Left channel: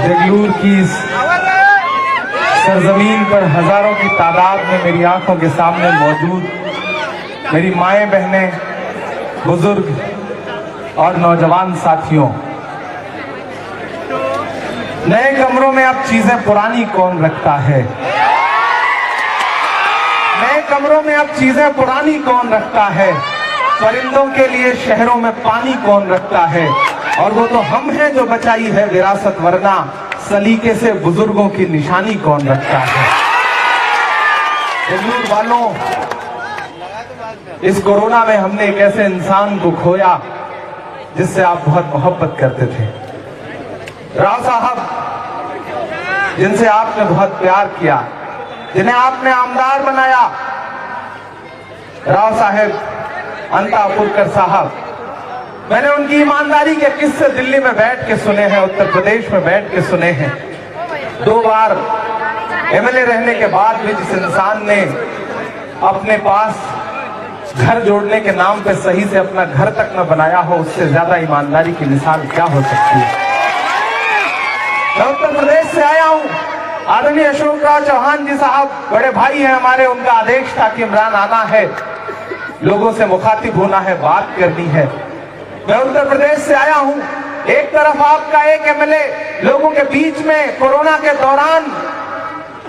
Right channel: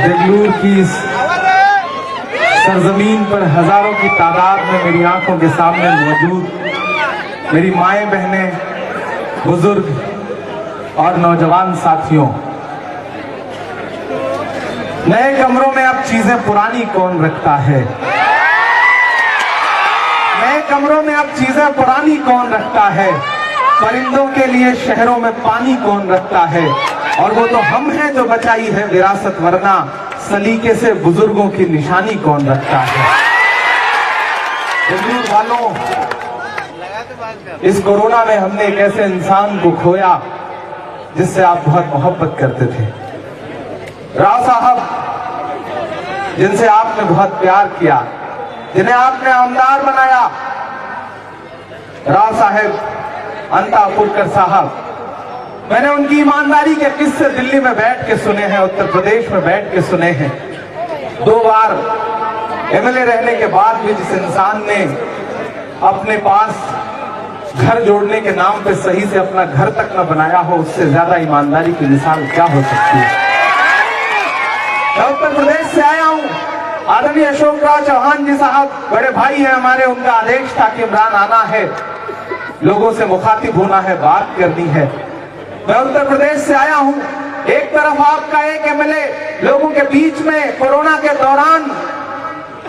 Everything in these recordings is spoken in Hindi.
जगलूर की इस सरजमीन पर हजारों की तादाद में मेरी आंखों के सामने मौजूद मेरी माएं, बहनें, बुजुर्ग और नौजवान साथियों, नए कमरों में अब चीजें पुरानी कौन रखता है? नए कमरों में अब चीजें पुरानी कौन रखता है? परिंदों के लिए शहरों में पानी कौन रखता है? और वो तो हम हैं जो बचाई है विरासत, वरना सलीके से बुजुर्गों की निशानी कौन रखता है? जगलूर वालों, इस कोरोना में हमने एक ऐसे इंसान को खोया जिससे आप बहुत मोहब्बत करते थे। राव साहब, जिनसे आपने बहुत प्यार किया, जिन्हें आपने आमदार बनाया। राव साहेब अंतापुरकर साहब, मैंने उनकी ईमानदारी के किस्से दिल्ली में बैठ के सुने हैं, उत्तर प्रदेश में बैठ के सुने हैं। 2 बार एमएलए रहने के बाद भी जिस इंसान ने अपने पास घर जोड़ने के नाम पे सही से अपना घर तक न बनाया हो, उससे ज्यादा ईमानदारी की मिसाल क्या हो सकती है? मैं उत्तर प्रदेश से आया हूं। आदरणीय अशोक राज चौहान जी साहब बड़े भाई हैं हमारे, उनका आदेश था कि इमरान आना है, लोगों से मुखातिब होना है, बात करनी है। मैं उत्तर प्रदेश से आया हूं। एक तरफ आपका एक एमएलए लोगों के बीच में कोरोना के दौरान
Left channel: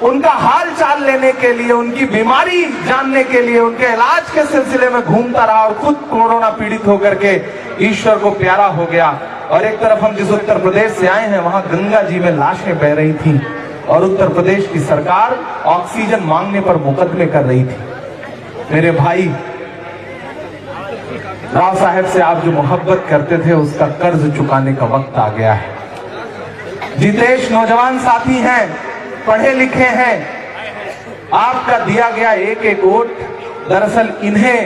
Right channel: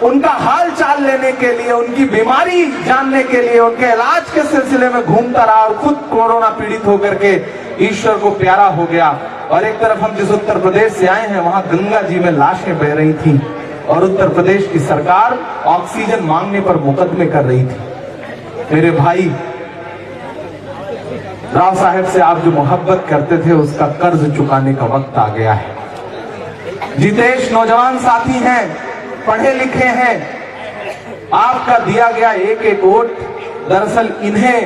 उनका हाल चाल लेने के लिए, उनकी बीमारी जानने के लिए, उनके इलाज के सिलसिले में घूमता रहा और खुद कोरोना पीड़ित होकर के ईश्वर को प्यारा हो गया। और एक तरफ हम जिस उत्तर प्रदेश से आए हैं, वहां गंगा जी में लाशें बह रही थी और उत्तर प्रदेश की सरकार ऑक्सीजन मांगने पर मुकदमे कर रही थी। मेरे भाई, राव साहेब से आप जो मोहब्बत करते थे, उसका कर्ज चुकाने का वक्त आ गया है। जितेश नौजवान साथी हैं, पढ़े लिखे हैं। आपका दिया गया एक एक वोट दरअसल इन्हें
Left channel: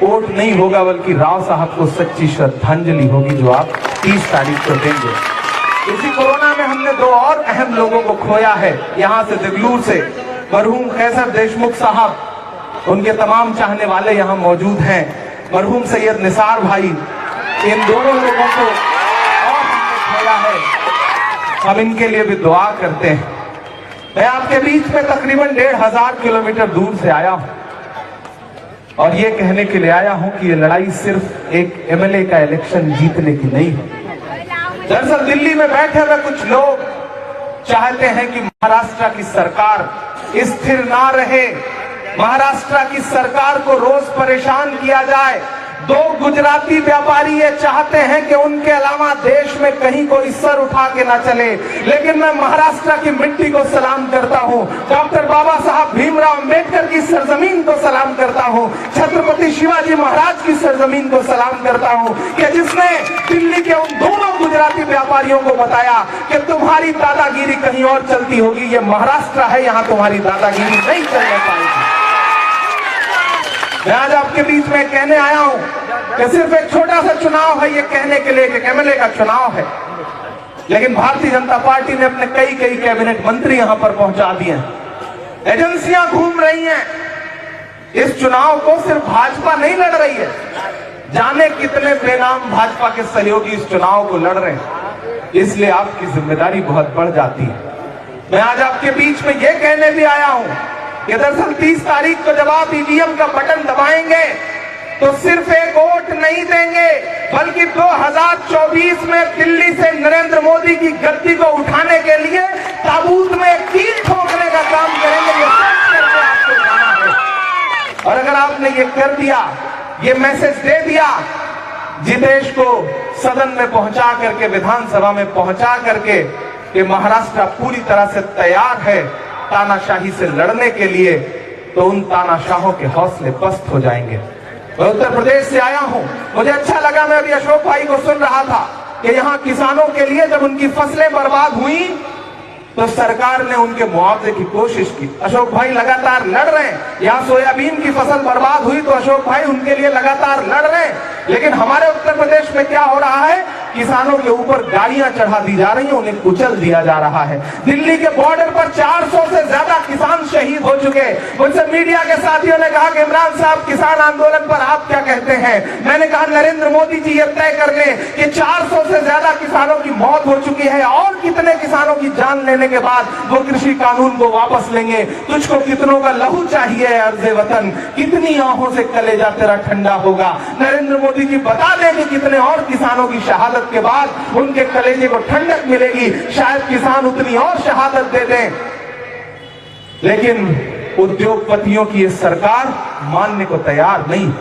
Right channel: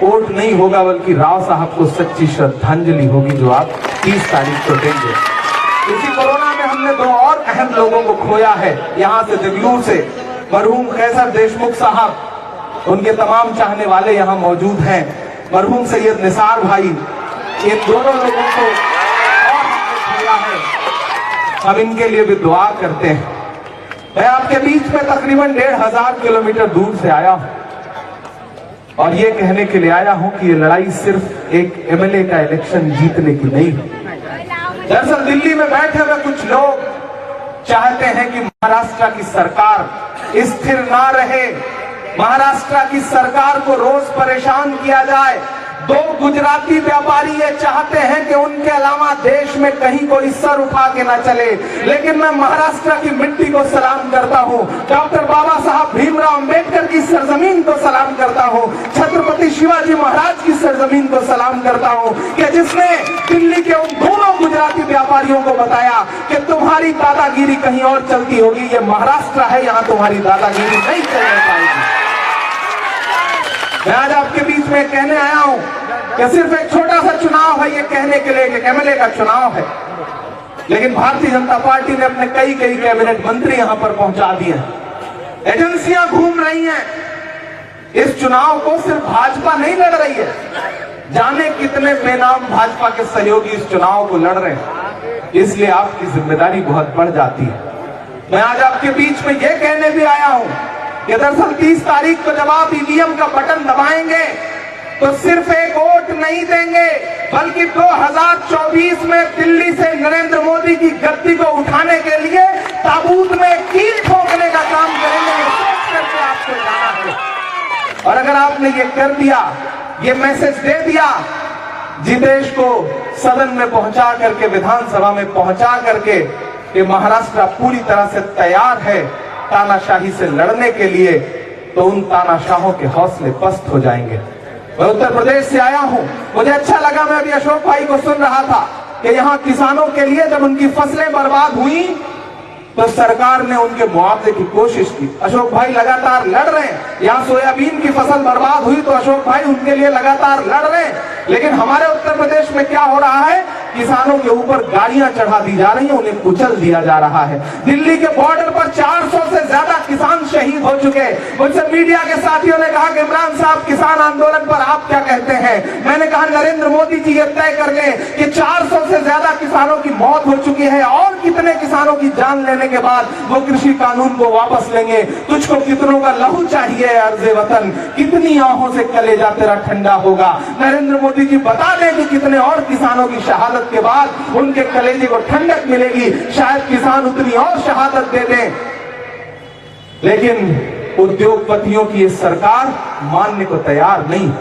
वोट नहीं होगा, बल्कि राव साहब को सच्ची श्रद्धांजलि होगी जो आप 30 तारीख को देंगे। इसी कोरोना में हमने 2 और अहम लोगों को खोया है। यहाँ से जगलूर से मरहूम कैसर देशमुख साहब, उनके तमाम चाहने वाले यहाँ मौजूद हैं। मरहूम सैयद निसार भाई, इन दोनों लोगों को खोया है। हम इनके लिए भी दुआ करते हैं। मैं आपके बीच में तकरीबन 1500 किलोमीटर दूर से आया हूं और ये कहने के लिए आया हूं कि ये लड़ाई सिर्फ एक एमएलए का इलेक्शन जीतने की नहीं है। दरअसल दिल्ली में बैठे हुए कुछ लोग चाहते हैं कि महाराष्ट्र की सरकार स्थिर ना रहे, महाराष्ट्र की सरकार को रोज परेशान किया जाए। 2 गुजराती व्यापारी ये चाहते हैं कि उनके अलावा देश में कहीं कोई सर उठा के ना चले। लेकिन मैं महाराष्ट्र की मिट्टी को सलाम करता हूं, डॉक्टर बाबा साहब भीमराव अंबेडकर की सरजमीन को सलाम करता हूं, छत्रपति शिवाजी महाराज की सरजमीन को सलाम करता हूं कि जिसने दिल्ली के उन दोनों गुजराती व्यापारियों को बताया कि तुम्हारी दादागिरी कहीं और चलती होगी, ये महाराष्ट्र है, यहाँ तुम्हारी दादागिरी नहीं चलने पाएगी। मैं आज आपके बीच में कहने आया हूं कि सिर्फ एक छोटा सा चुनाव है ये कहने के लिए कि एमएलए का चुनाव है, लेकिन भारतीय जनता पार्टी ने अपने कई कैबिनेट मंत्री यहां पर पहुंचा दिए हैं। एजेंसियां घूम रही हैं। इस चुनाव को सिर्फ भाजपा नहीं लड़ रही है, जाने कितने बेनाम भाजपा के सहयोगी इस चुनाव को लड़ रहे हैं। इसलिए आपकी जिम्मेदारी बहुत बढ़ जाती है। मैं आज आपके बीच में ये कहने भी आया हूं कि दरअसल 30 तारीख को जब आप ईवीएम का बटन दबाएंगे तो सिर्फ एक वोट नहीं देंगे, बल्कि 2024 में दिल्ली से नरेंद्र मोदी की गद्दी को उठाने के लिए ताबूत में कील ठोकने का काम करेंगे। और अगर आपने ये कर दिया, ये मैसेज दे दिया, जितेश को सदन में पहुंचा करके, विधानसभा में पहुंचा करके कि महाराष्ट्र पूरी तरह से तैयार है तानाशाही से लड़ने के लिए, तो उन तानाशाहों के हौसले पस्त हो जाएंगे। मैं उत्तर प्रदेश से आया हूं, मुझे अच्छा लगा। मैं अभी अशोक भाई को सुन रहा था कि यहाँ किसानों के लिए जब उनकी फसलें बर्बाद हुई तो सरकार ने उनके मुआवजे की कोशिश की। अशोक भाई लगातार लड़ रहे हैं। यहाँ सोयाबीन की फसल बर्बाद हुई तो अशोक भाई उनके लिए लगातार लड़ रहे हैं। लेकिन हमारे उत्तर प्रदेश में क्या हो रहा है किसानों के ऊपर गाड़ियां चढ़ा दी जा रही है, उन्हें कुचल दिया जा रहा है। दिल्ली के बॉर्डर पर 400 से ज्यादा किसान शहीद हो चुके। मुझसे मीडिया के साथियों ने कहा कि इमरान साहब किसान आंदोलन पर आप क्या कहते हैं? मैंने कहा नरेंद्र मोदी जी ये तय कर लें कि 400 से ज्यादा किसानों की मौत हो चुकी है और कितने किसानों की जान लेने के बाद वो कृषि कानून को वापस लेंगे। तुझको कितनों का लहू चाहिए अर्ज़े वतन, कितनी आंखों से कलेजा तेरा ठंडा होगा। नरेंद्र मोदी जी बता दें कि कितने और किसानों की शहादत के बाद उनके कलेजे को ठंडक मिलेगी, शायद किसान उतनी और शहादत दे दें। लेकिन उद्योगपतियों की ये सरकार मानने को तैयार नहीं।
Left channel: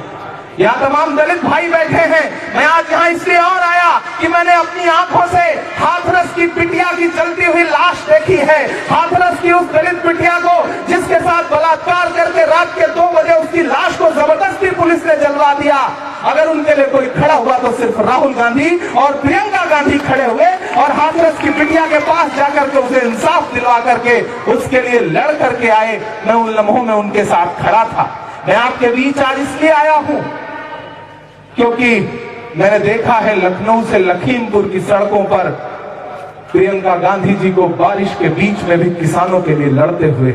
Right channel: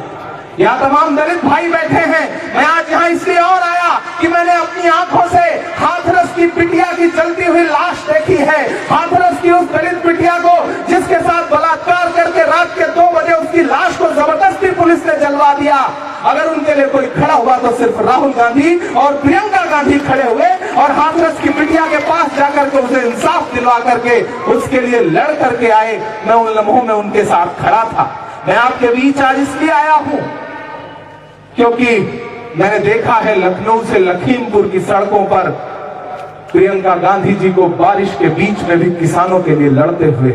यहाँ तमाम दलित भाई बैठे हैं। मैं आज यहाँ इसलिए और आया कि मैंने अपनी आंखों से हाथरस की बिटिया की जलती हुई लाश देखी है। हाथरस की उस दलित बिटिया को जिसके साथ बलात्कार करके रात के 2 बजे उसकी लाश को जबरदस्ती पुलिस ने जलवा दिया। अगर उनके लिए कोई खड़ा हुआ तो सिर्फ राहुल गांधी और प्रियंका गांधी खड़े हुए और हाथरस की बिटिया के पास जाकर के उसे इंसाफ दिलवा करके उसके लिए लड़ करके आए। मैं उन लम्हों में उनके साथ खड़ा था। मैं आपके बीच आज इसलिए आया हूं क्योंकि मैंने देखा है लखनऊ से लखीमपुर की सड़कों पर प्रियंका गांधी जी को बारिश के बीच में भी किसानों के लिए लड़ते हुए।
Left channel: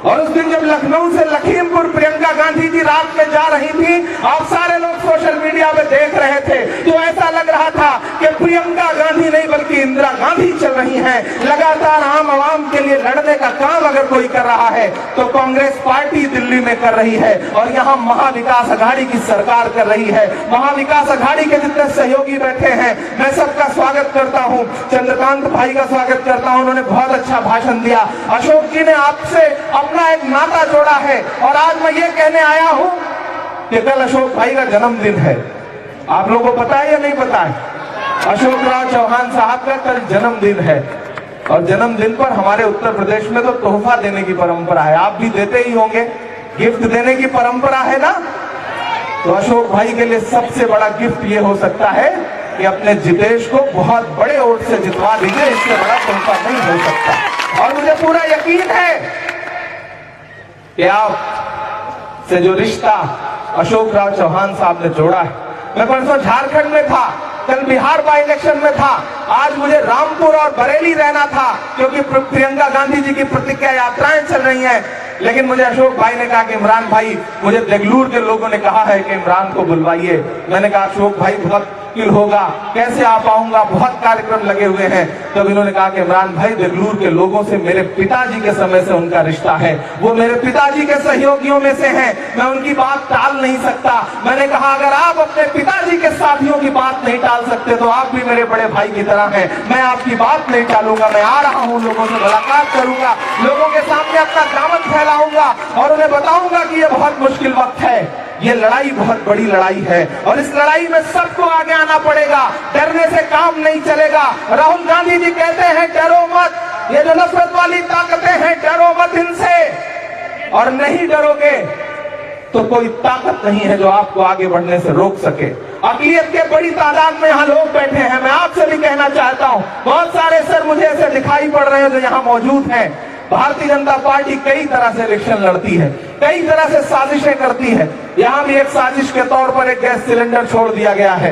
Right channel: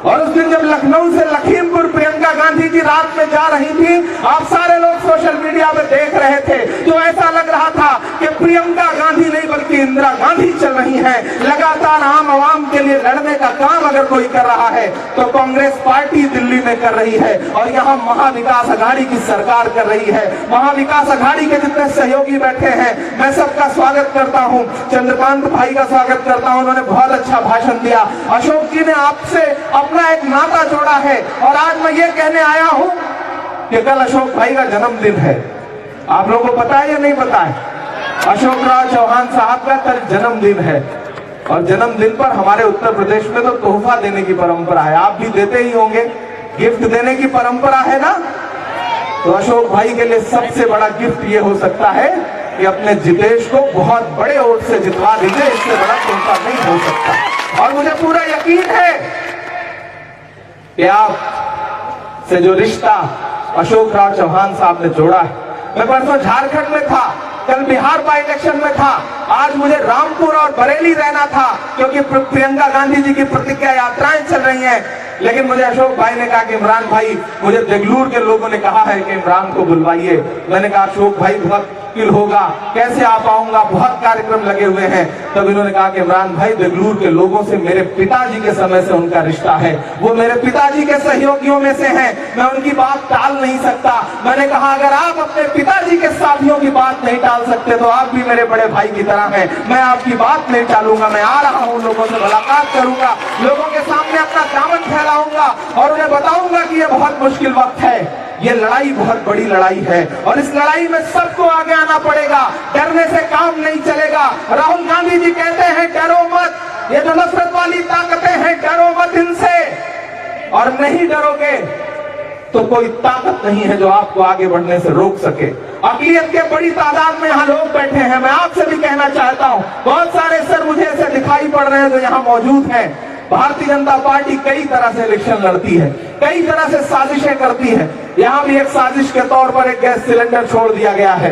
और उस दिन जब लखनऊ से लखीमपुर प्रियंका गांधी जी रात में जा रही थी, आप सारे लोग सोशल मीडिया पे देख रहे थे, तो ऐसा लग रहा था कि प्रियंका गांधी नहीं बल्कि इंदिरा गांधी चल रही हैं। लगातार आम आवाम के लिए लड़ने का काम अगर कोई कर रहा है तो कांग्रेस पार्टी दिल्ली में कर रही है और यहाँ महाविकास अघाड़ी की सरकार कर रही है। महाविकास अघाड़ी के जितने सहयोगी बैठे हैं, मैं सबका स्वागत करता हूँ। चंद्रकांत भाई का स्वागत करता हूँ, उन्होंने बहुत अच्छा भाषण दिया। अशोक जी ने आपसे अपना एक नाता जोड़ा है और आज मैं ये कहने आया हूं कि कल अशोक भाई का जन्मदिन है। आप लोगों को पता है या नहीं पता है? अशोक राव चौहान साहब का कल जन्मदिन है और जन्मदिन पर हमारे उत्तर प्रदेश में तो तोहफा देने की परंपरा है। आप भी देते ही होंगे, गिफ्ट देने की परंपरा है ना। तो अशोक भाई के लिए सबसे बड़ा गिफ्ट ये हो सकता है कि अपने जितेश को बहुत बड़े वोट से जितवा दीजिए। इससे बड़ा तोहफा नहीं हो सकता। और मुझे पूरा यकीन है कि आप से जो रिश्ता अशोक राव चौहान साहब ने जोड़ा है। मैं परसों झारखंड में था, कल बिहार बाई इलेक्शन में था, आज मुझे रामपुर और बरेली रहना था क्योंकि प्रियंका गांधी जी की प्रतिज्ञा यात्राएं चल रही हैं। लेकिन मुझे अशोक भाई ने कहा कि इमरान भाई, मुझे देगलूर के लोगों ने कहा है कि इमरान को बुलवाइए। मैंने कहा अशोक भाई बहुत मुश्किल होगा, कैसे आ पाऊंगा, बहुत कार्यक्रम लगे हुए हैं। तब इन्होंने कहा कि इमरान भाई, देगलूर के लोगों से मेरे पिताजी के समय से उनका रिश्ता है, वो मेरे पिताजी के सहयोगियों में से हैं, मैं उनकी बात टाल नहीं सकता। मैंने कहा अगर आप अपने पिताजी के साथियों की बात नहीं टाल सकते तो आप भी मेरे बड़े भाई की तरह हैं। मैं आपकी बात नहीं टालूंगा, मैं आ रहा हूं, लोगों से मुलाकात करूंगा, लोगों के सामने अपना दामन फैलाऊंगा और उन्हें बताऊंगा कि ये बहुत मुश्किल वक्त है, ये लड़ाई बहुत बड़ी लड़ाई है और इस लड़ाई में सबको आगे आना पड़ेगा। डरने से काम नहीं चलेगा। राहुल गांधी जी कहते हैं डरो मत, ये जो नफरत वाली ताकतें हैं डरो मत इनसे, और नहीं डरोगे तो कोई ताकत नहीं है जो आपको आगे बढ़ने से रोक सके। अकलियत के बड़ी तादाद में यहाँ लोग बैठे हैं। मैं आपसे भी कहना चाहता हूँ, बहुत सारे सर मुझे ऐसे दिखाई पड़ रहे हैं जो यहाँ मौजूद हैं। भारतीय जनता पार्टी कई तरह से इलेक्शन लड़ती है, कई तरह से साजिशें करती है। यहाँ भी एक साजिश के तौर पर एक गैस सिलेंडर छोड़ दिया गया है,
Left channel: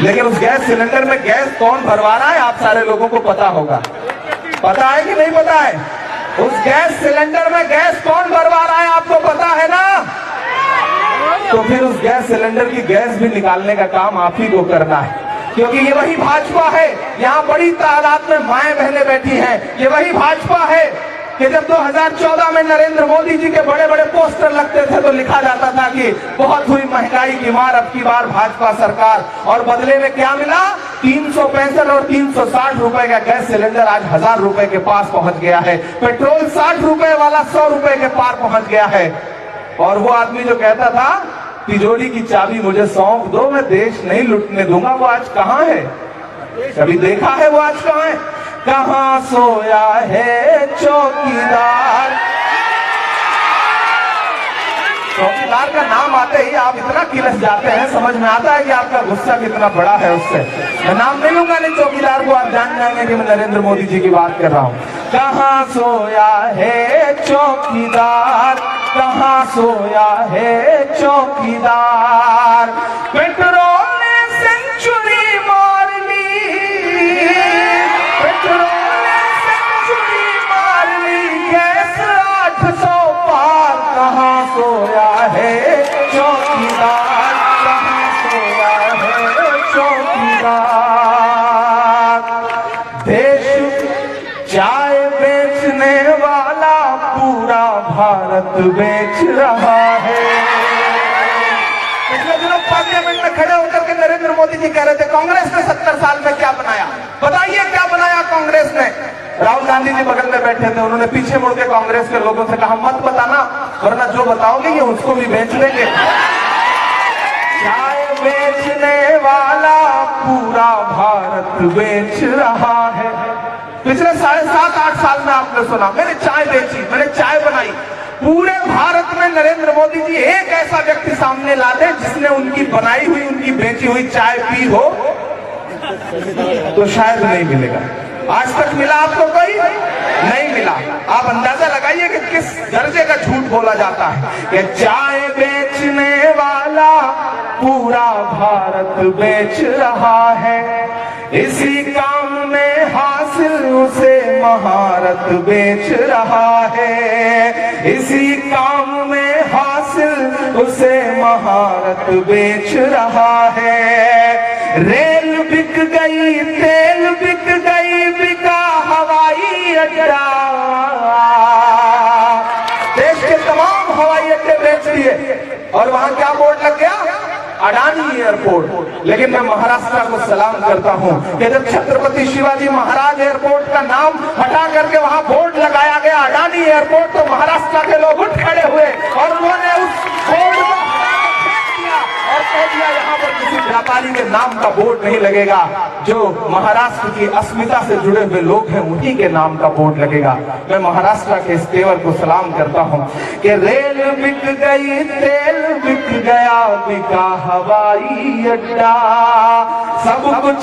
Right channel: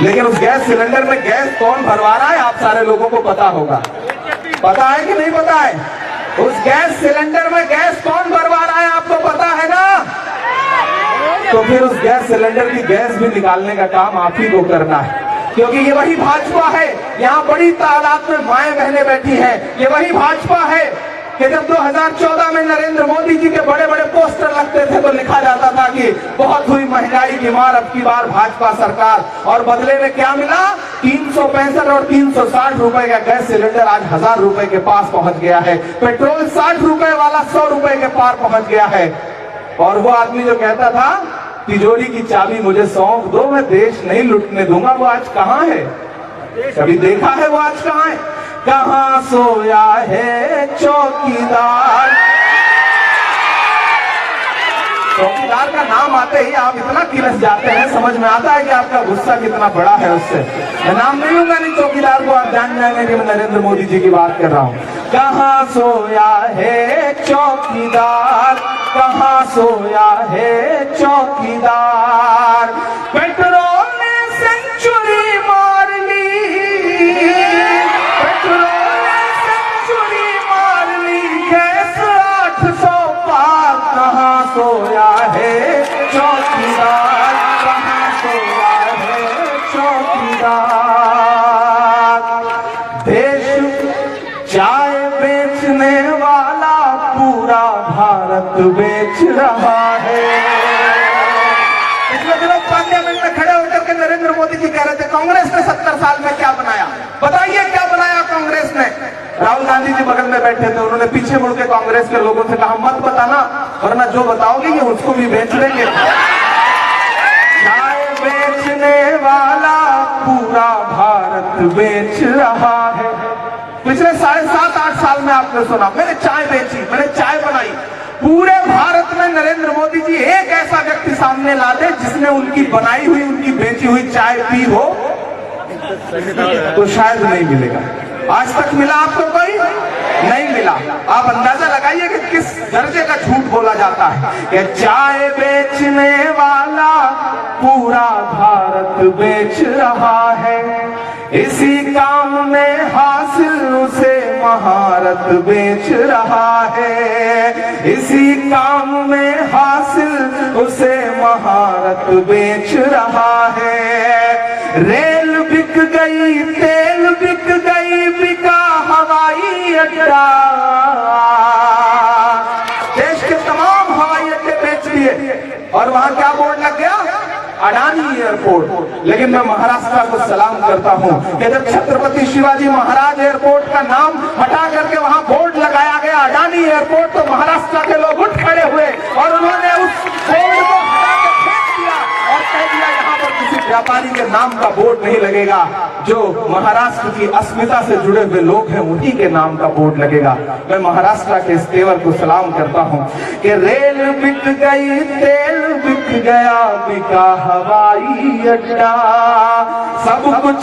लेकिन उस गैस सिलेंडर में गैस कौन भरवा रहा है आप सारे लोगों को पता होगा। पता है कि नहीं पता है? उस गैस सिलेंडर में गैस कौन भरवा रहा है आपको पता है ना? तो फिर उस गैस सिलेंडर की गैस भी निकालने का काम आप ही को करना है, क्योंकि ये वही भाजपा है। यहाँ बड़ी तादाद में माएं बहनें बैठी हैं। ये वही भाजपा है कि जब 2014 में नरेंद्र मोदी जी के बड़े बड़े पोस्टर लगते थे तो लिखा जाता था कि बहुत हुई महंगाई की मार, अब की बार भाजपा सरकार, और बदले में क्या मिला? 365 और 360 रुपए का गैस सिलेंडर आज 1000 रुपए के पास पहुंच गया है। पेट्रोल 60 रुपए वाला 100 रुपए के पार पहुंच गया है। और वो आदमी जो कहता था तिजोरी की चाबी मुझे सौंप दो, मैं देश नहीं लुटने दूंगा, वो आज कहाँ है? कभी देखा है वो आज कहाँ है? कहाँ सोया है चौकीदार? चौकीदार का नाम आते ही आप इतना किलस जाते हैं, समझ में आता है कि आपका गुस्सा कितना बड़ा है उससे। मैं नाम नहीं लूंगा, नहीं चौकीदार को आप जान जाएंगे कि मैं नरेंद्र मोदी जी की बात कर रहा हूँ। कहाँ सोया है चौकीदार, कहाँ सोया है चौकीदार? पेट्रोल से सेंचुरी मार ली, पेट्रोल ने सेंचुरी मार ली, गैस 800 पार, कहाँ सोया है चौकीदार, कहाँ सोया है चौकीदार। देश चाय बेचने वाला पूरा भारत बेच रहा है। पार्लियामेंट में खड़े होकर के नरेंद्र मोदी जी कह रहे थे कांग्रेस ने 70 साल में क्या बनाया, बताइए क्या बनाया कांग्रेस ने। राहुल गांधी जी बगल में बैठे थे, उन्होंने पीछे मुड़ के कांग्रेस के लोगों से कहा मत बताना, वरना जो बताओगे ये उसको भी बेच लेंगे। चाय बेचने वाला पूरा भारत बेच रहा है। पिछले 7.5-8 साल में आपने सुना मैंने चाय बेची, मैंने चाय बनाई। पूरे भारत में नरेंद्र मोदी जी एक ऐसा व्यक्ति सामने ला दे जिसने उनकी बनाई हुई, उनकी बेची हुई चाय पी हो, तो शायद नहीं मिलेगा। आज तक मिला आपको कोई? नहीं मिला। आप अंदाजा लगाइए कि किस दर्जे का झूठ बोला जाता है कि चाय बेचने वाला पूरा भारत बेच रहा है। इसी काम में हासिल उसे महारत बेच रहा है, इसी काम में हासिल उसे महारत बेच रहा है। रेल बिक गई, तेल बिक गई, बिका हवाई अड्डा, देश के तमाम हवाई अड्डे बेच दिए और वहां क्या बोर्ड लग गया? अडानी एयरपोर्ट। लेकिन मैं महाराष्ट्र को सलाम करता हूं कि जब छत्रपति शिवाजी महाराज एयरपोर्ट का नाम हटा करके वहां बोर्ड लगाया गया अडानी एयरपोर्ट, तो महाराष्ट्र के लोग उठ खड़े हुए और उन्होंने उस बोर्ड को फेंक दिया और कह दिया यहाँ पर किसी व्यापारी के नाम का बोर्ड नहीं लगेगा, जो महाराष्ट्र की अस्मिता से जुड़े हुए लोग हैं उन्हीं के नाम का बोर्ड लगेगा। मैं महाराष्ट्र के इस तेवर को सलाम करता हूं कि रेल बिक गई, तेल बिक गया, बिका हवाई अड्डा, सब कुछ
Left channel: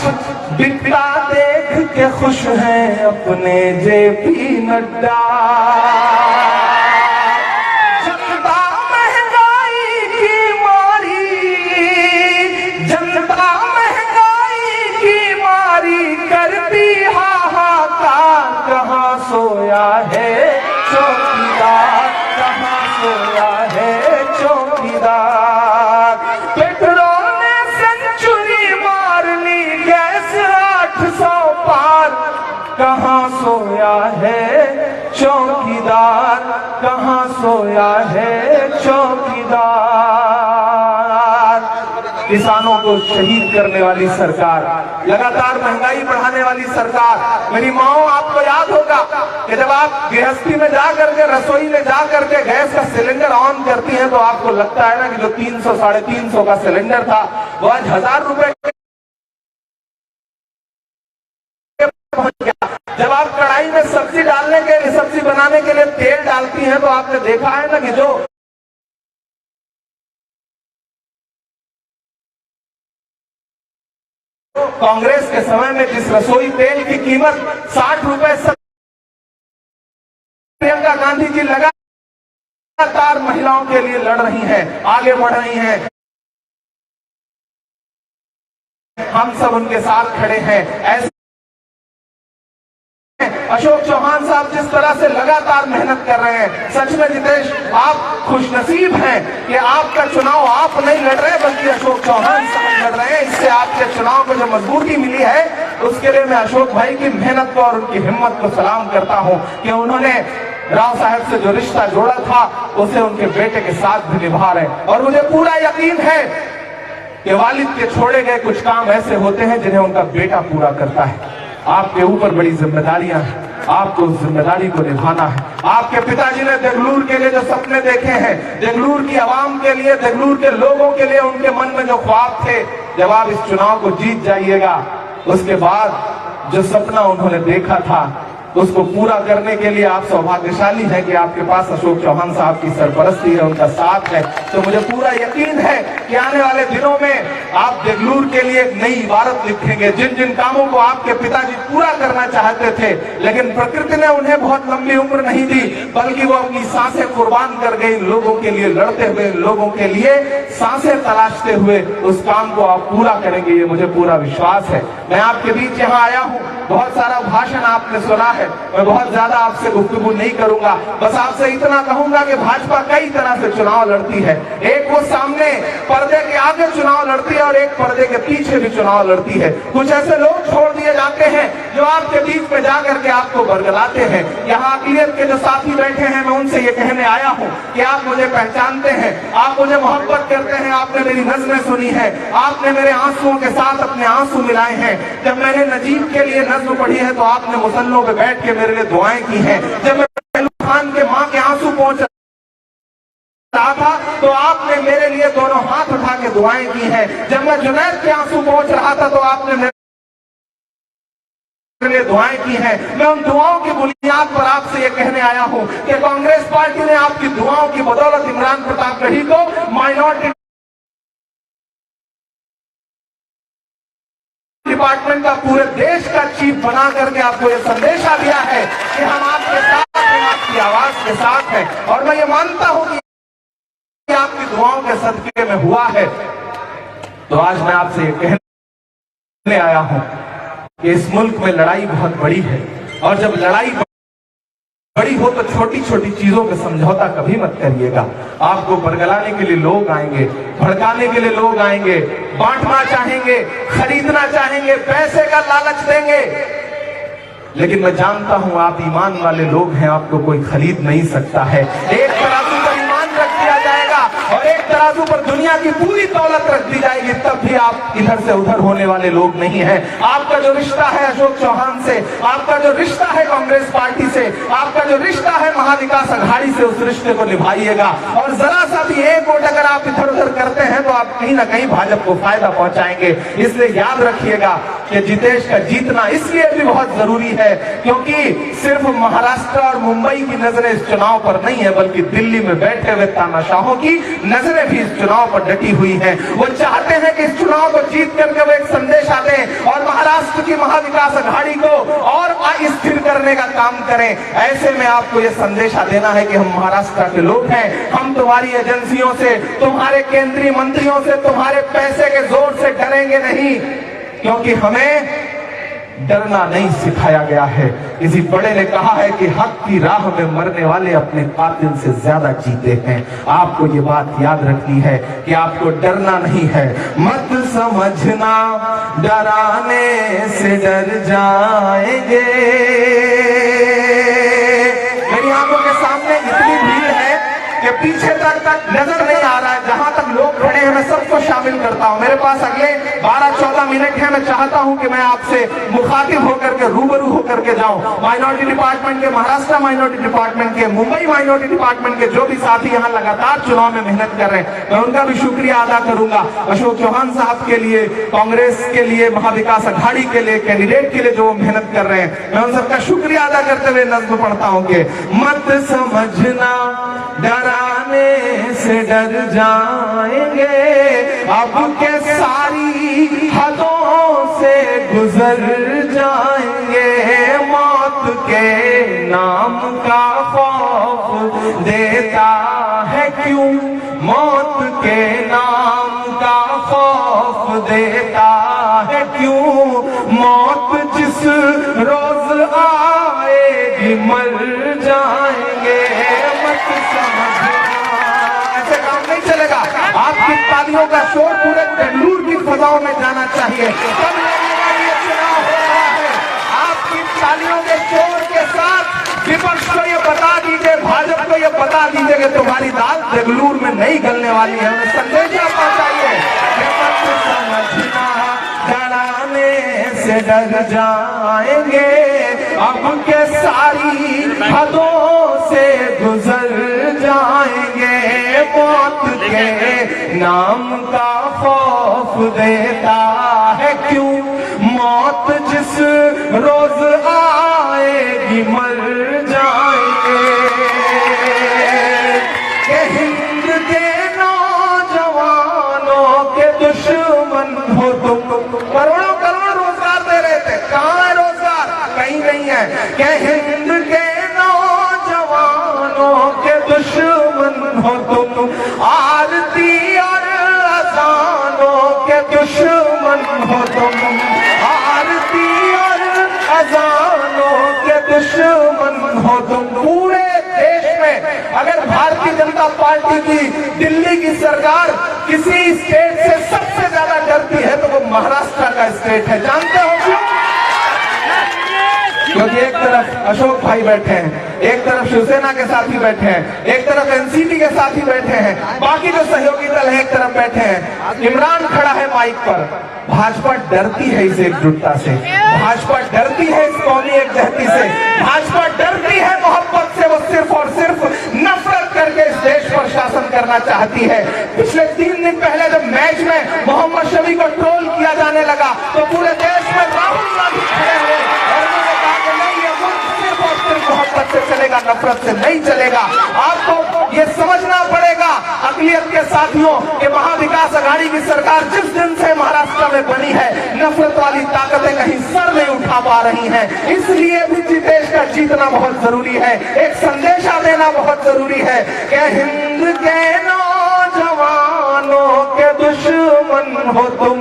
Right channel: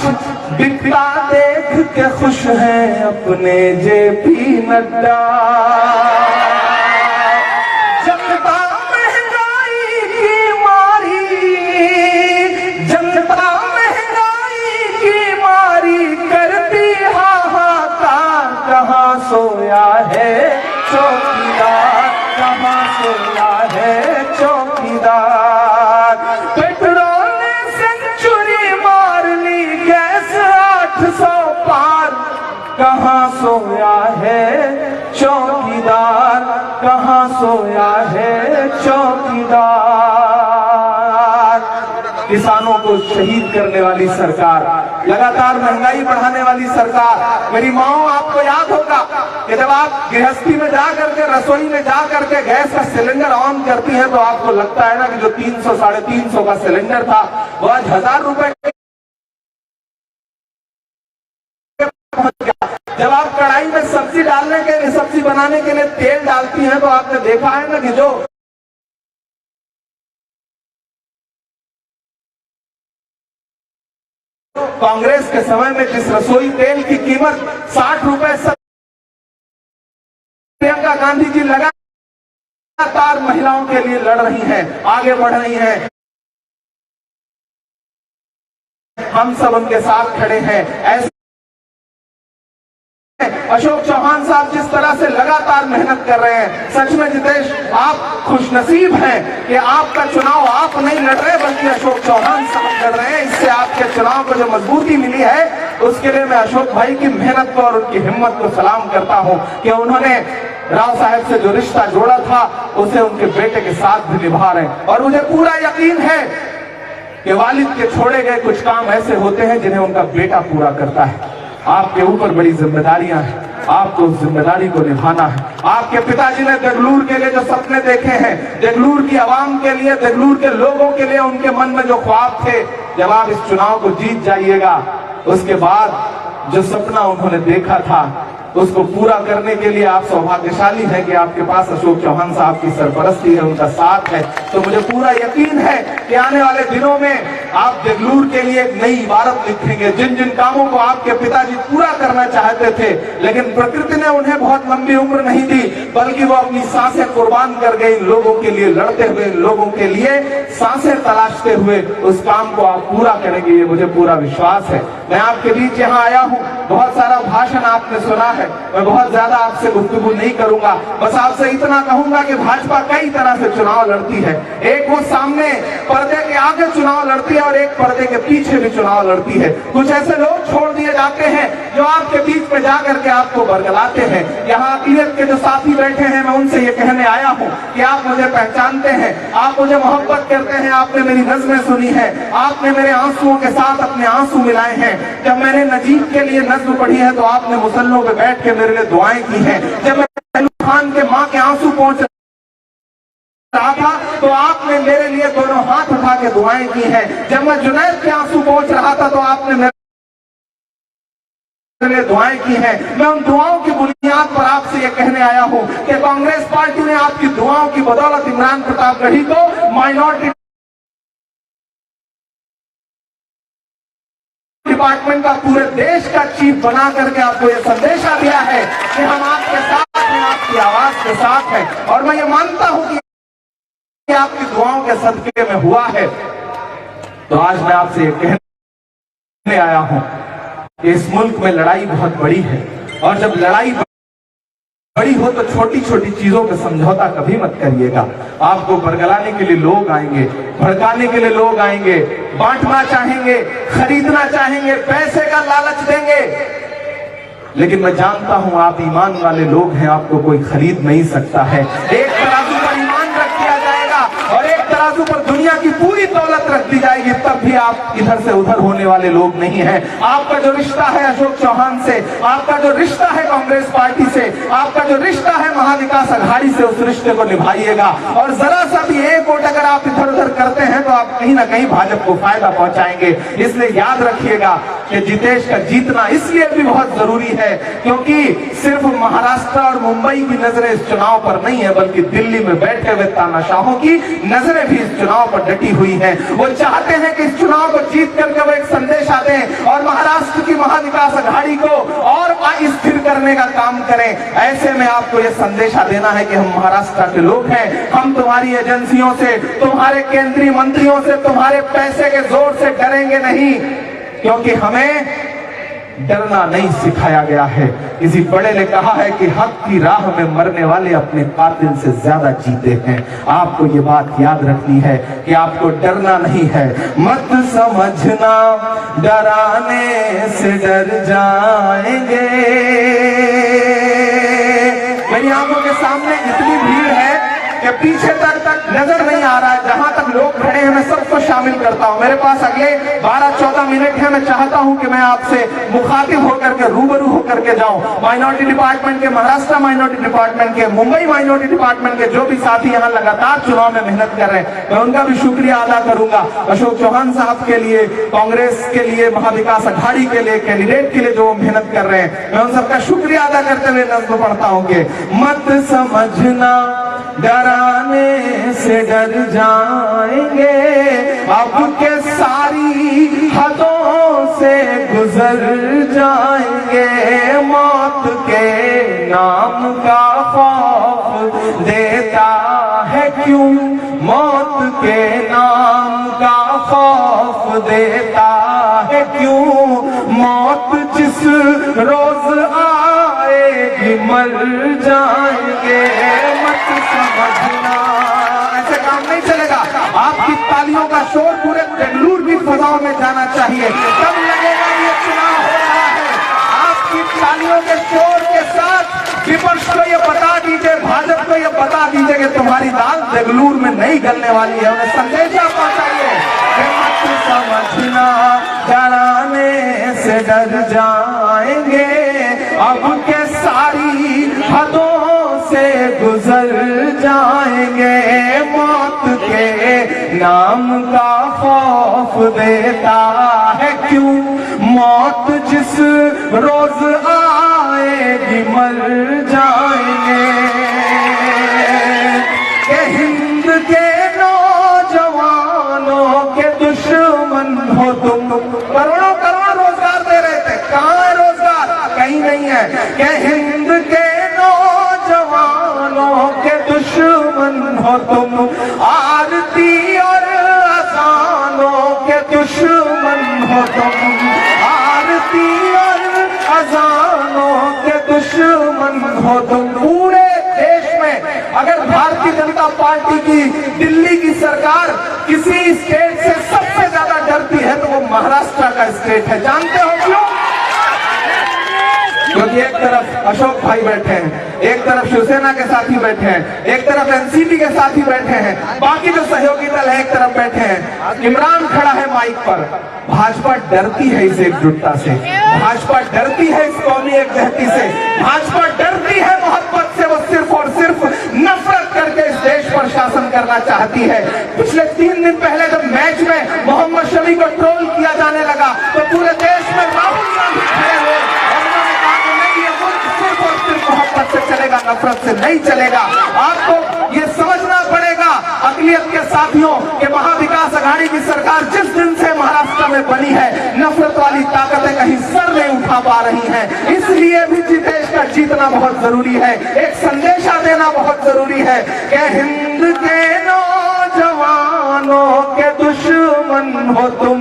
बिकता देख के खुश हैं अपने जेपी नड्डा। जनता महंगाई की मारी, जनता महंगाई की मारी करती हाहाकार, कहाँ सोया है चौकीदार, कहाँ सोया है चौकीदार। पेट्रोल ने सेंचुरी मार ली, गैस 800 पार, कहाँ सोया है चौकीदार, कहाँ सोया है चौकीदार। किसानों को शहीद करने वाली सरकार, लगातार महंगाई बढ़ाने वाली सरकार। मेरी माओ, आपको याद होगा कि जब आप गृहस्थी में जा करके, रसोई में जा करके गैस का सिलेंडर ऑन करती है तो आपको लगता है ना कि जो 300-350 का सिलेंडर था वो आज 1000 रुपए पहुंच गया। जब आप कढ़ाई में सब्जी डालने के लिए, सब्जी बनाने के लिए तेल डालती हैं तो आपने देखा है ना कि जो कांग्रेस के समय में जिस रसोई तेल की कीमत 60 रुपए, प्रियंका गांधी जी लगातार महिलाओं के लिए लड़ रही हैं, आगे बढ़ रही हैं, हम सब उनके साथ खड़े हैं। ऐसे अशोक चौहान साहब जिस तरह से लगातार मेहनत कर रहे हैं, सच में जितेश आप खुशनसीब हैं कि आपका चुनाव आप नहीं लड़ रहे बल्कि अशोक चौहान साहब लड़ रहे हैं। इससे आपके चुनाव को जो मजबूती मिली है उसके लिए मैं अशोक भाई की मेहनत को और उनकी हिम्मत को सलाम करता हूं कि उन्होंने राव साहब से जो रिश्ता जोड़ा था उसे उनके बेटे के साथ भी निभा रहे हैं। और मुझे पूरा यकीन है कि वालिद के छोड़े गए कुछ काम ऐसे होते हैं जिन्हें उनका बेटा पूरा करता है। आपके ऊपर बड़ी जिम्मेदारियां हैं, आपको उस जिम्मेदारी को निभाना है। आपके पिताजी ने देगलूर के लिए जो सपने देखे हैं, देगलूर की आवाम के लिए, देगलूर के लोगों के लिए उनके मन में जो ख्वाब थे, जब आप इस चुनाव को जीत जाइएगा उसके बाद जो सपना उन्होंने देखा था उसको पूरा करने के लिए आप सौभाग्यशाली हैं कि आपके पास अशोक चौहान साहब की सरपरस्ती है, उनका साथ है। तो मुझे पूरा यकीन है कि आने वाले दिनों में आप देगलूर के लिए एक नई इबारत लिखेंगे। जिन जिन कामों को आपके पिताजी पूरा करना चाहते थे, लेकिन प्रकृति ने उन्हें बहुत लंबी उम्र नहीं दी, बल्कि वो अपनी सांसें कुर्बान कर गए लोगों के लिए, लड़ते हुए लोगों के लिए सांसें तलाशते हुए उस काम को आप पूरा करेंगे, ये मुझे पूरा विश्वास है। मैं आपके बीच यहाँ आया हूँ, बहुत सारा भाषण आपने सुना है, मैं बहुत ज्यादा आपसे गुफ्तगू नहीं करूंगा, बस आपसे इतना कहूंगा कि भाजपा कई तरह से चुनाव लड़ती है। एक वो सामने पर्दे के आगे चुनाव लड़ती है और एक पर्दे के पीछे भी चुनाव लड़ती है। कुछ ऐसे लोग छोड़ दिए जाते हैं जो आपके बीच में जाकर के आपको बरगलाते हैं। यहाँ अकलियत के जो साथी बैठे हैं, मैं उनसे ये कहने आया हूँ कि आप मुझे पहचानते हैं, आप मुझे मोहब्बत करते हैं, आपने मेरी नज़्में सुनी है, आपने मेरे आंसुओं के साथ अपने आंसू मिलाए हैं। जब मैंने नजीब के लिए नज़्म पढ़ी है तो आपने मुसल्लों पे बैठ के मेरे लिए दुआएं की हैं। जब मैं खान के माँ के आंसू पहुंच रहा था तो आपने मेरे लिए दोनों हाथ उठा के दुआएं की हैं। जब मैं जुनैद के आंसू पहुंच रहा था तो आपने मेरे लिए दुआएं की हैं। मैं उन दुआओं की बुनियाद पर आपसे ये कहने आया हूं कि कांग्रेस पार्टी ने आपकी दुआओं की बदौलत इमरान प्रतापगढ़ी को माइनॉरिटी डिपार्टमेंट का पूरे देश का चीफ बना करके आपको ये संदेशा दिया है कि हम आपके साथ हैं, आपकी आवाज के साथ हैं। और मैं ये मानता हूं कि आपकी दुआओं के सदके में हुआ है। तो आज मैं आपसे ये कहने आया हूं कि इस मुल्क में लड़ाई बहुत बड़ी है, और जब लड़ाई बड़ी हो तो छोटी छोटी चीजों पे समझौता कभी मत करिएगा। आपको बरगलाने के लिए लोग आएंगे, भड़काने के लिए लोग आएंगे, बांटना चाहेंगे, खरीदना चाहेंगे, पैसे का लालच देंगे, लेकिन मैं जानता हूं आप ईमान वाले लोग हैं, आपको कोई खरीद नहीं सकता है। एक तराजू पर ईमान रख दिया जाएगा और एक तराजू पर दुनिया की पूरी दौलत रख दी जाएगी, तब भी आप इधर से उधर होने वाले लोग नहीं हैं। आपका जो रिश्ता है अशोक चौहान से, आपका जो रिश्ता है कांग्रेस पार्टी से, आपका जो रिश्ता है महाविकास अघाड़ी से, उस रिश्ते को निभाइएगा। और जरा सा भी एक वोट अगर आप इधर उधर करते हैं तो आप कहीं ना कहीं भाजपा को फायदा पहुंचाएंगे। इसलिए याद रखिएगा कि जितेश का जीतना इसलिए भी बहुत जरूरी है क्योंकि सिर्फ महाराष्ट्र और मुंबई की नजरें इस चुनाव पर नहीं है, बल्कि दिल्ली में बैठे हुए तानाशाहों की नजरें भी इस चुनाव पर डटी हुई हैं। वो चाहते हैं कि इस चुनाव को जीत करके वो एक संदेशा दें और महाराष्ट्र की महाविकास अघाड़ी को और अस्थिर करने का काम करें। ऐसे में आपको ये संदेशा देना है कि हम महाराष्ट्र के लोग हैं, हम तुम्हारी एजेंसियों से, तुम्हारे केंद्रीय मंत्रियों से, तुम्हारे पैसे के जोर से डरेंगे नहीं, क्योंकि हमें डरना नहीं सिखाया गया है। किसी बड़े ने कहा है कि हक की राह में मरने वाले अपने कातिल से ज्यादा जीते हैं। आपको ये बात याद रखनी है कि आपको डरना नहीं है। मत समझना डराने से डर जाएंगे। मेरी आंखों के सामने इतनी भीड़ है कि पीछे तक नजर नहीं आ रहा है। जहां तक लोग खड़े हैं मैं सबको शामिल करता हूं। मेरे पास अगले 12-14 मिनट है। मैं चाहता हूं कि मैं आपसे मुखातिब होकर के, रूबरू होकर के जाऊं। माइनॉरिटी डिपार्टमेंट के, महाराष्ट्र माइनॉरिटी डिपार्टमेंट के, मुंबई माइनॉरिटी डिपार्टमेंट के जो भी साथी यहाँ लगातार चुनाव में मेहनत कर रहे हैं, मैं उनका भी शुक्रिया अदा करूंगा। अशोक चौहान साहब के लिए, कांग्रेस के लिए, महाविकास अघाड़ी के लिए, कैंडिडेट के लिए जो मेहनत कर रहे हैं, मैं उन सबका शुक्रिया अदा करते हुए नज़्म पढ़ता हूं कि मत समझना डराने से डर जाएंगे, अब के सारी हदों से गुजर जाएंगे। मौत के नाम का खौफ देता है क्यों, मौत के नाम का खौफ देता है क्यों, मौत जिस रोज आएगी मर जाएंगे। मत समझना, ऐसे काम नहीं चलेगा। आपकी तालियों का शोर पूरे बेंगलुरु की फजाओं में जाना चाहिए, तब लगेगा ये चुनाव हो रहा है। आपकी तालियों के शोर के साथ विपक्ष को ये बता दीजिए, भाजपा को ये बता दीजिए कि तुम्हारी दाल बेंगलुरु में नहीं गलने वाली है। उन्हें संदेश पहुंचाइए। डराने से डर जाएंगे, अब के सारी हदों से गुजर जाएंगे। मौत के नाम का खौफ देता है क्यों, मौत जिस रोज आएगी मर जाएंगे। कि हिंद के नौजवानों के दुश्मन हो तुम। करोड़ों करोड़ रोजगार दे रहे थे, कहाँ है रोजगार? कहीं नहीं है। कि हिंद के नौजवानों के दुश्मन हो तुम, आरती और अजानों के दुश्मन हो तुम, आरती और अजानों के दुश्मन हो तुम। पूरे देश में अगर भारतीय जनता पार्टी की दिल्ली की सरकार किसी स्टेट से सबसे ज्यादा डरती है तो वो महाराष्ट्र का स्टेट है। जानते हो क्यों? क्योंकि एक तरफ अशोक भाई बैठे हैं, एक तरफ शिवसेना के साथी बैठे हैं, एक तरफ एनसीपी के साथी बैठे हैं, बाकी जो सहयोगी दल है एक तरफ बैठे हैं। इमरान खड़ा है माइक पर। भाजपा डरती है इस एकजुटता से, भाजपा डरती है इस कौमी एकजहती से, भाजपा डरती है मोहब्बत से। वो सिर्फ और सिर्फ नफरत करके इस देश पर शासन करना चाहती है। पिछले 3 दिन पहले जब मैच में मोहम्मद शमी को ट्रोल किया जाने लगा तो पूरे देश में राहुल गांधी खड़े हुए और उन्होंने कहा कि नहीं, ये मुल्क सिर्फ और सिर्फ मोहब्बत से चलेगा, नफरत से नहीं चलेगा। आपको ये समझना पड़ेगा अक़लियत के साथियों के महाविकास अघाड़ी की सरकार जिस दिन से महाराष्ट्र में बनी है, नफरत वाली ताकतें कहीं सर नहीं उठा पा रही हैं। इसलिए भी देश का जीतना बहुत जरूरी है, एक संदेशा देना बहुत जरूरी है कि हिंद के नौजवानों के दुश्मन हो तुम,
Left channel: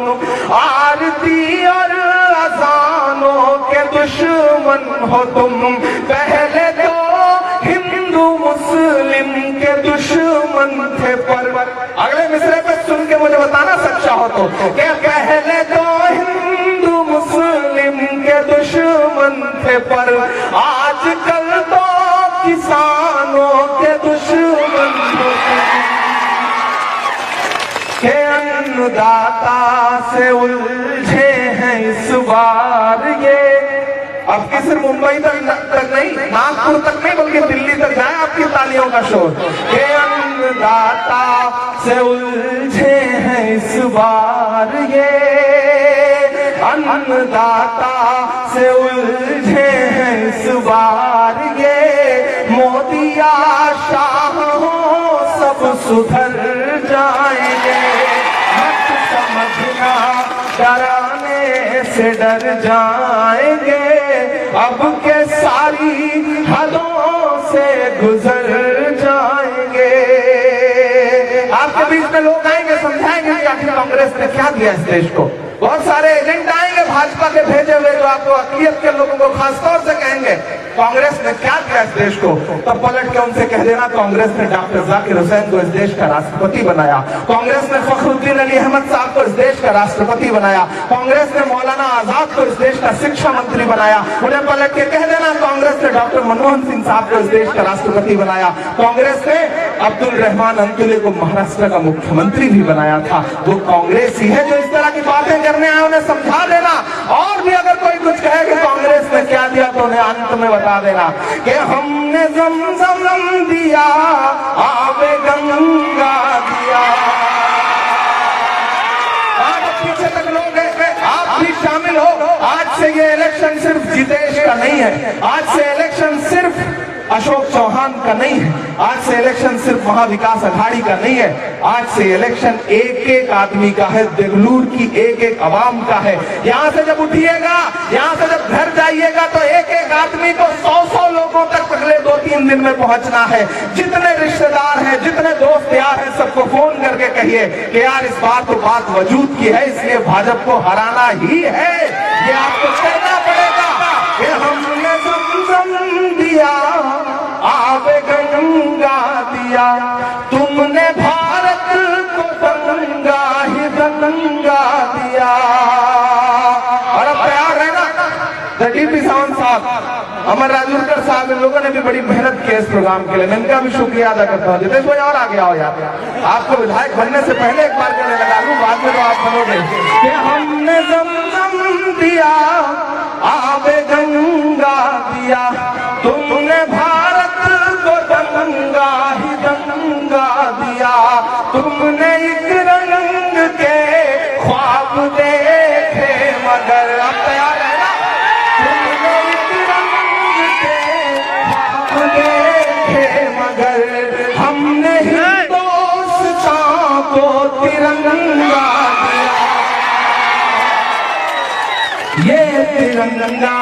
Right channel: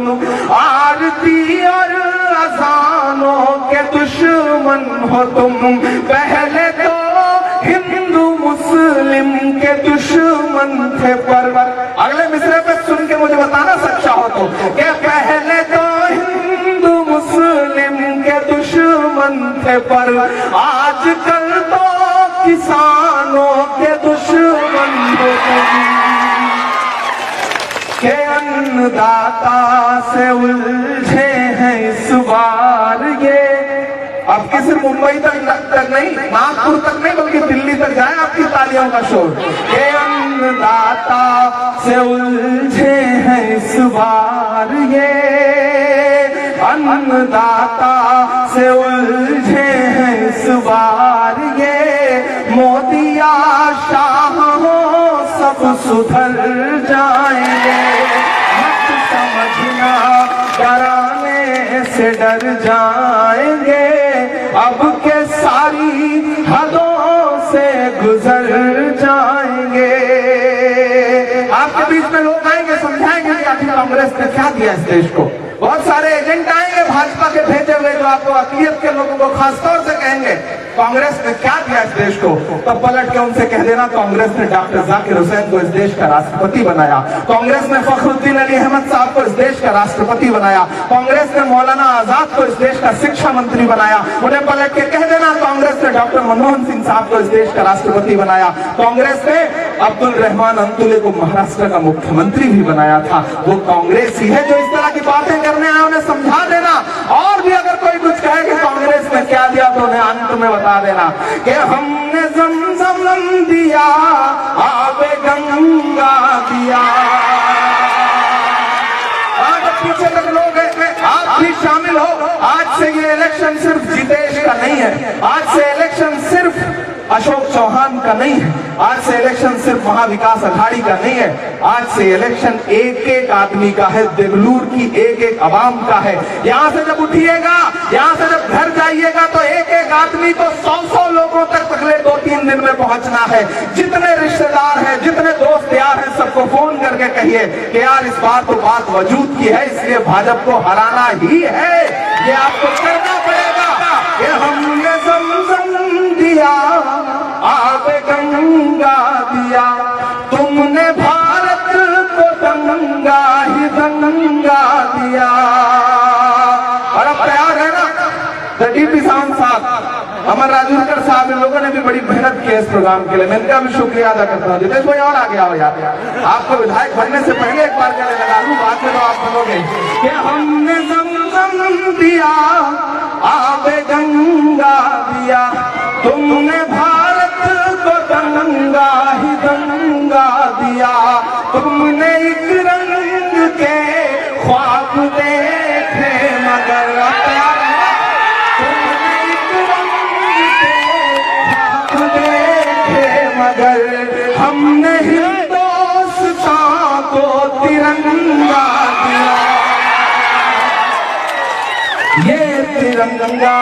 आरती और अजानों के दुश्मन हो तुम। पहले तो हिंदू मुस्लिम के दुश्मन थे पर अगले मिसरे पे सुन के मुझे बताना सच्चा हो तो क्या? पहले तो हिंदू मुस्लिम के दुश्मन थे पर आजकल तो किसानों के दुश्मन होते हैं। के अन्नदाता से उलझे हैं इस बार ये। अब किसी मुंबई तक नहीं, नागपुर तक नहीं, बल्कि दिल्ली तक जाए आपकी तालियों का शोर। के अन्नदाता से उलझे हैं इस बार ये, अन्नदाता से उलझे हैं इस बार ये। मोदी या शाह हो सब सुधर जाएंगे, मत समझना डराने से डर जाएंगे, अब के सारी हदों से गुजर जाएंगे। आपके बीच में लोग आएंगे, समझाएंगे कि आखिर कांग्रेस ने क्या दिया इस देश को। बहुत सारे एजेंट आएंगे भाजपा के भेजे हुए जो आपको अक़लियत के लोगों को खासतौर से कहेंगे कांग्रेस ने क्या दिया इस देश को। तब पलट के उनसे कह देना कांग्रेस ने डॉक्टर जाकिर हुसैन को इस देश का राष्ट्रपति बनाया, कांग्रेस ने फखरुद्दीन अली अहमद साहब को इस देश का राष्ट्रपति बनाया, कांग्रेस ने मौलाना आजाद को इस देश का शिक्षा मंत्री बनाया। उन्हें पलट के कह देना कांग्रेस ने डॉक्टर मनमोहन सिंह साहब को इस देश का राष्ट्रपति बनाया, कांग्रेस ने अब्दुल रहमान अंतुले को महाराष्ट्र का मुख्यमंत्री भी बनाया था। वो कांग्रेस ही है जो इस तरह की बातें करने आए, उन्हें समझा देना। और भी अगर कोई कुछ कहे कि कांग्रेस ने क्या दिया तो उन्हें अंत में बता देना कि हमने ज़मज़म दिया, आबे गंगा दिया। पीछे तक लोग आप भी शामिल हो। आज से ये इलेक्शन सिर्फ जितेश का नहीं है, आज से इलेक्शन सिर्फ अशोक चौहान का नहीं है, आज से इलेक्शन सिर्फ महाविकास अघाड़ी का नहीं है, आज से इलेक्शन एक एक आदमी का है, देवलूर की एक एक आवाम का है। यहाँ से जब उठिएगा, यहाँ से जब घर जाइएगा तो एक एक आदमी को 100-100 लोगों तक अगले 2-3 दिन में पहुंचना है। जितने रिश्तेदार हैं, जितने दोस्त यार हैं, सबको फोन करके कहिए कि यार इस बार तो बात वजूद की है, इसलिए भाजपा को हराना ही है। ये आपको करना पड़ेगा कि हमने ज़मज़म दिया, आबे गंगा दिया, तुमने भारत को दंगा ही दंगा दिया। और अब तैयार है ना डीपी सावंत साहब, अमर राजूरकर साहब, इन लोगों ने भी बड़ी मेहनत की इस प्रोग्राम के लिए, मैं इनका भी शुक्रिया अदा करता हूँ। जितेश भाई और आगे आओ यार, आपको विधायक बनने से पहले एक बार क्या लगा लूं, बाद में तो आप बनोगे कि हमने ज़मज़म दिया, आबे गंगा दिया, तुमने भारत को दंगा ही दंगा दिया, तुमने एक रंग के ख्वाब देखे मगर तुमने एक रंग हमने हिंदुस्तान को तिरंगा दिया, ये तिरंगा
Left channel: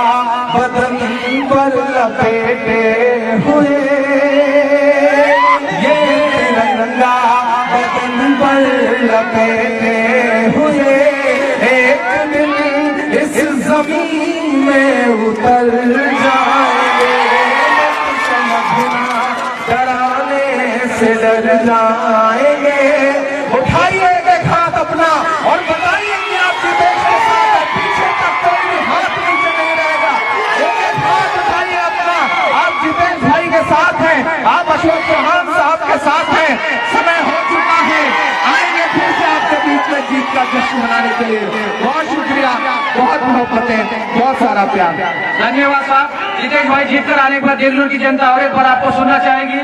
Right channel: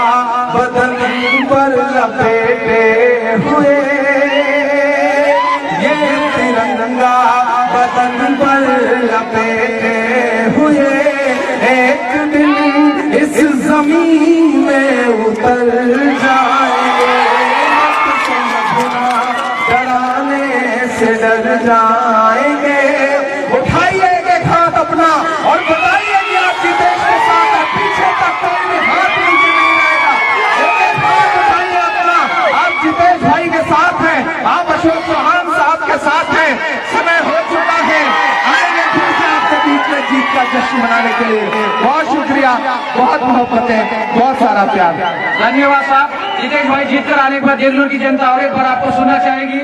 बदन पर लपेटे हुए, ये तिरंगा बदन पर लपेटे हुए एक दिन इस जमीन में उतर जाएंगे, समझना डराने से डर जाएंगे। उठाइए एक हाथ अपना और बताइए कि आपकी देश के साथ है, पीछे तक कोई भी हाथ नीचे नहीं रहेगा। एक हाथ उठाइए अपना, आप जितेश भाई के साथ हैं, आप अशोक चौहान साहब के साथ हैं। समय हो चुका है, आएंगे फिर से आपके बीच में जीत का जश्न मनाने के लिए। बहुत शुक्रिया, बहुत मोहब्बतें, बहुत सारा प्यार। धन्यवाद साहब। जितेश भाई जीत कर आने के बाद देशभर की जनता और एक बार आपको सुनना चाहेगी।